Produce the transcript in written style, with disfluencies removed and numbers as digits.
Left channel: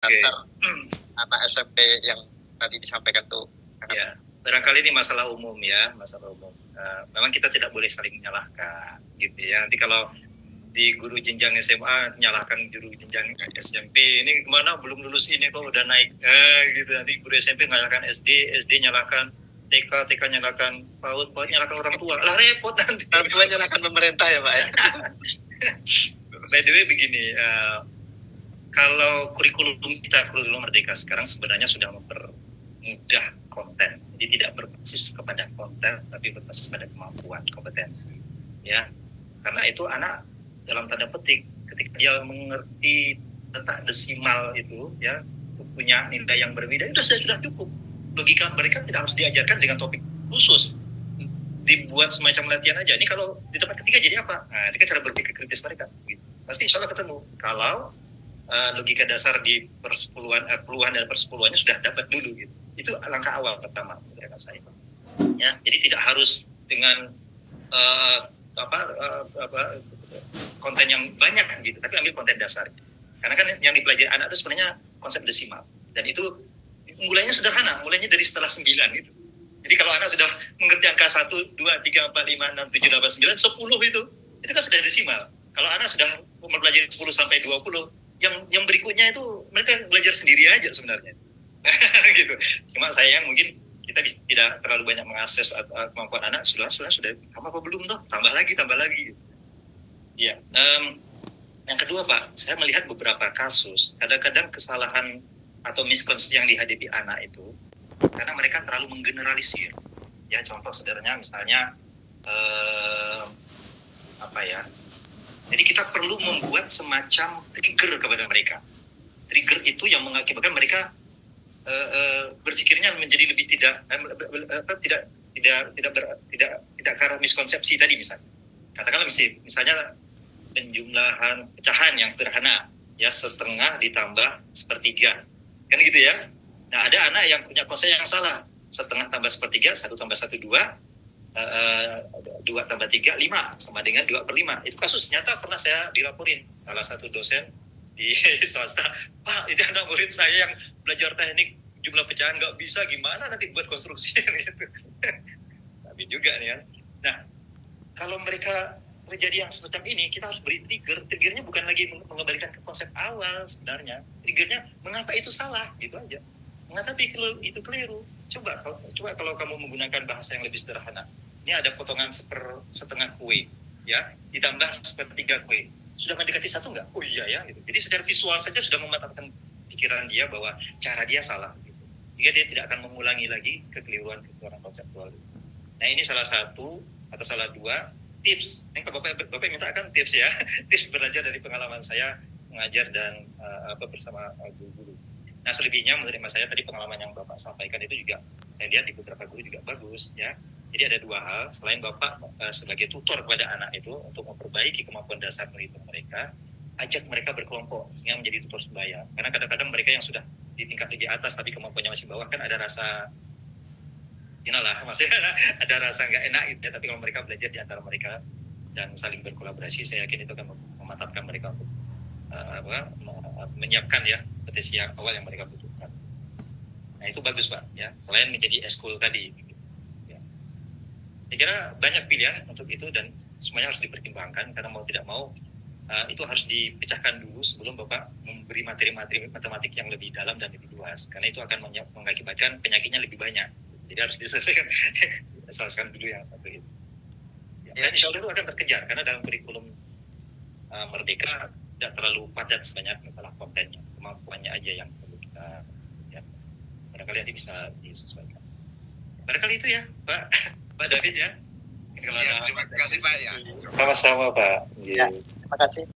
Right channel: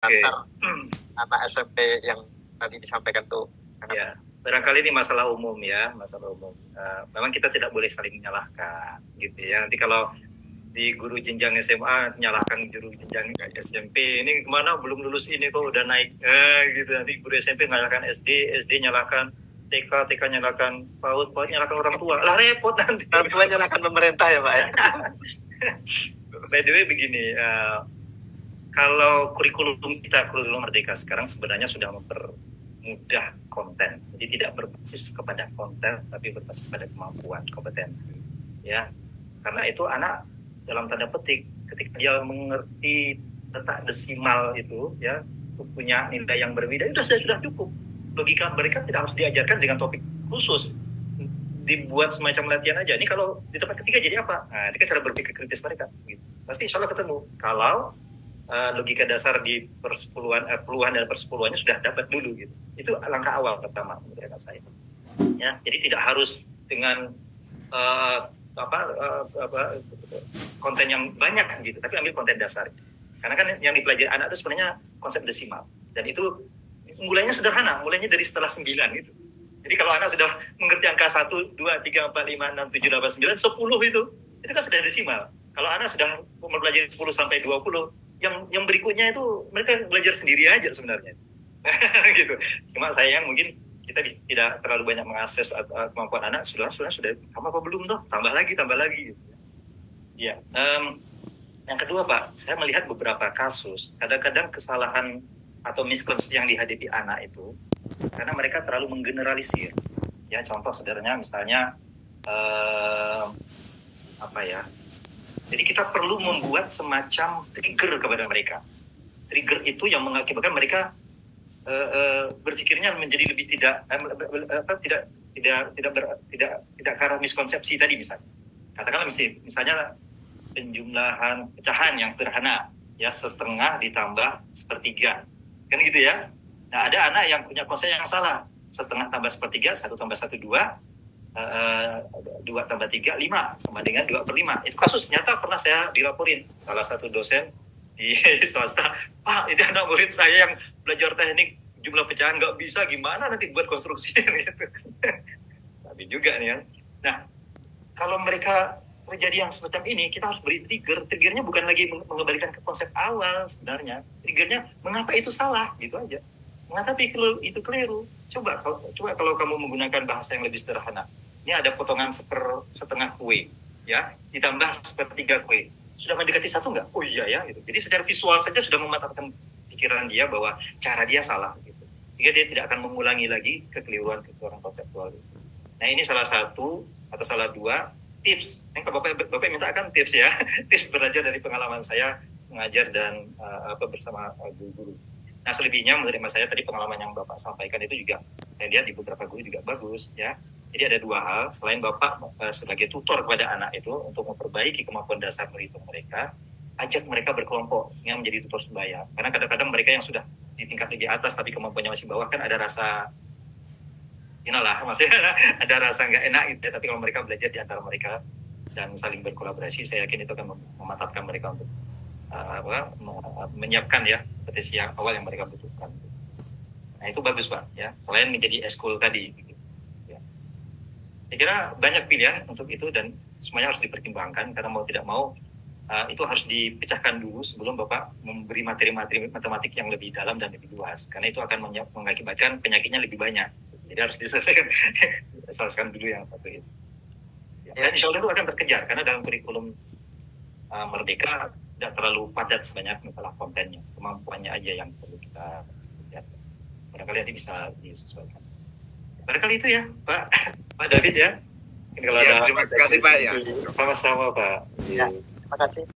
Oke. dasar anak SMP yang tadi disampaikan tuh. Ya, barangkali ini masalah umum ya, masalah umum. Memang kita tidak boleh saling menyalahkan, gitu ya. Nanti kalau di guru jenjang SMA menyalahkan guru jenjang SMP, ini kemana belum lulus ini kok udah naik, gitu. Nanti guru SMP menyalahkan SD, SD nyalahkan TK, TK nyalahkan PAUD, PAUD nyalahkan orang tua. Lah repot nanti. Langsung nyalahkan pemerintah ya Pak ya. By the way begini, kalau kurikulum kita, kurikulum Merdeka sekarang sebenarnya sudah mempermudah konten. Jadi tidak berbasis kepada konten, tapi berbasis pada kemampuan, kompetensi. Ya, karena itu anak dalam tanda petik, ketika dia mengerti letak desimal itu, ya, punya nilai yang berbeda, itu sudah cukup. Logika mereka tidak harus diajarkan dengan topik khusus. Dibuat semacam latihan aja. Ini kalau di tempat ketiga jadi apa? Nah, ini kan cara berpikir kritis mereka. Gitu. Pasti insya Allah ketemu. Kalau logika dasar di persepuluhan, puluhan dan persepuluhannya sudah dapat dulu gitu. Itu langkah awal pertama menurut saya. Ya, jadi tidak harus dengan konten yang banyak gitu, tapi ambil konten dasar. Karena kan yang dipelajari anak itu sebenarnya konsep desimal dan itu mulainya sederhana, mulainya dari setelah 9 gitu. Jadi kalau anak sudah mengerti angka 1, 2, 3, 4, 5, 6, 7, 8, 9, 10 itu kan sudah desimal. Kalau anak sudah mempelajari 10 sampai 20, yang berikutnya itu mereka belajar sendiri aja sebenarnya. Gitu. Cuma sayang mungkin kita tidak terlalu banyak mengakses kemampuan anak. Sudah apa belum toh? Tambah lagi gitu. Ya. Yang kedua Pak, saya melihat beberapa kasus kadang-kadang kesalahan atau miskonsepsi yang dihadapi anak itu karena mereka terlalu menggeneralisir. Ya, contoh sederhananya misalnya jadi kita perlu membuat semacam trigger kepada mereka. Trigger itu yang mengakibatkan mereka berpikirnya menjadi lebih tidak ke arah miskonsepsi tadi misalnya. Katakanlah misalnya penjumlahan pecahan yang sederhana, ya setengah ditambah sepertiga, kan gitu ya. Nah ada anak yang punya konsep yang salah, setengah tambah sepertiga, 1 tambah 1 2. 2 tambah 3, 5 sama dengan 2/5. Itu kasus nyata pernah saya dilaporin salah satu dosen di swasta. Pak, ini anak murid saya yang belajar teknik jumlah pecahan nggak bisa, gimana nanti buat konstruksi gitu. Tapi juga nih kan. Nah, kalau mereka terjadi yang semacam ini, kita harus beri trigger. Triggernya bukan lagi mengembalikan ke konsep awal sebenarnya. Triggernya mengapa itu salah, gitu aja. Mengapa itu keliru? Coba kalau kamu menggunakan bahasa yang lebih sederhana. Ini ada potongan setengah kue, ya, ditambah sepertiga kue. Sudah mendekati 1 nggak? Oh iya ya, gitu. Jadi secara visual saja sudah mematahkan pikiran dia bahwa cara dia salah, gitu. Sehingga dia tidak akan mengulangi lagi kekeliruan konseptual. Nah ini salah satu atau salah 2 tips. Yang Bapak minta kan tips ya, tips belajar dari pengalaman saya mengajar dan bersama guru-guru. Nah selebihnya menurut saya tadi pengalaman yang Bapak sampaikan itu juga saya lihat di beberapa guru juga bagus ya. Jadi ada 2 hal, selain Bapak sebagai tutor kepada anak itu untuk memperbaiki kemampuan dasar berhitung mereka, ajak mereka berkelompok sehingga menjadi tutor sebaya. Karena kadang-kadang mereka yang sudah di tingkat lebih atas tapi kemampuannya masih bawah kan ada rasa maksudnya ada rasa nggak enak gitu ya. Tapi kalau mereka belajar di antara mereka dan saling berkolaborasi, saya yakin itu akan memantapkan mereka untuk menyiapkan ya potensi yang awal yang mereka butuhkan. Nah itu bagus Pak ya, selain menjadi eskul tadi gitu. Ya. Saya kira banyak pilihan untuk itu dan semuanya harus dipertimbangkan karena mau tidak mau itu harus dipecahkan dulu sebelum Bapak memberi materi-materi matematik yang lebih dalam dan lebih luas, karena itu akan mengakibatkan penyakitnya lebih banyak. Jadi harus diselesaikan dulu yang satu itu. Ya. Dan insya Allah itu akan terkejar karena dalam kurikulum Merdeka tidak terlalu padat sebanyak masalah kontennya, kemampuannya aja yang perlu kita lihat. Barangkali nanti bisa disesuaikan. Barangkali itu ya Pak David ya. Kalau ya, terima kasih Pak ya. Sama-sama Pak. Ya, terima kasih.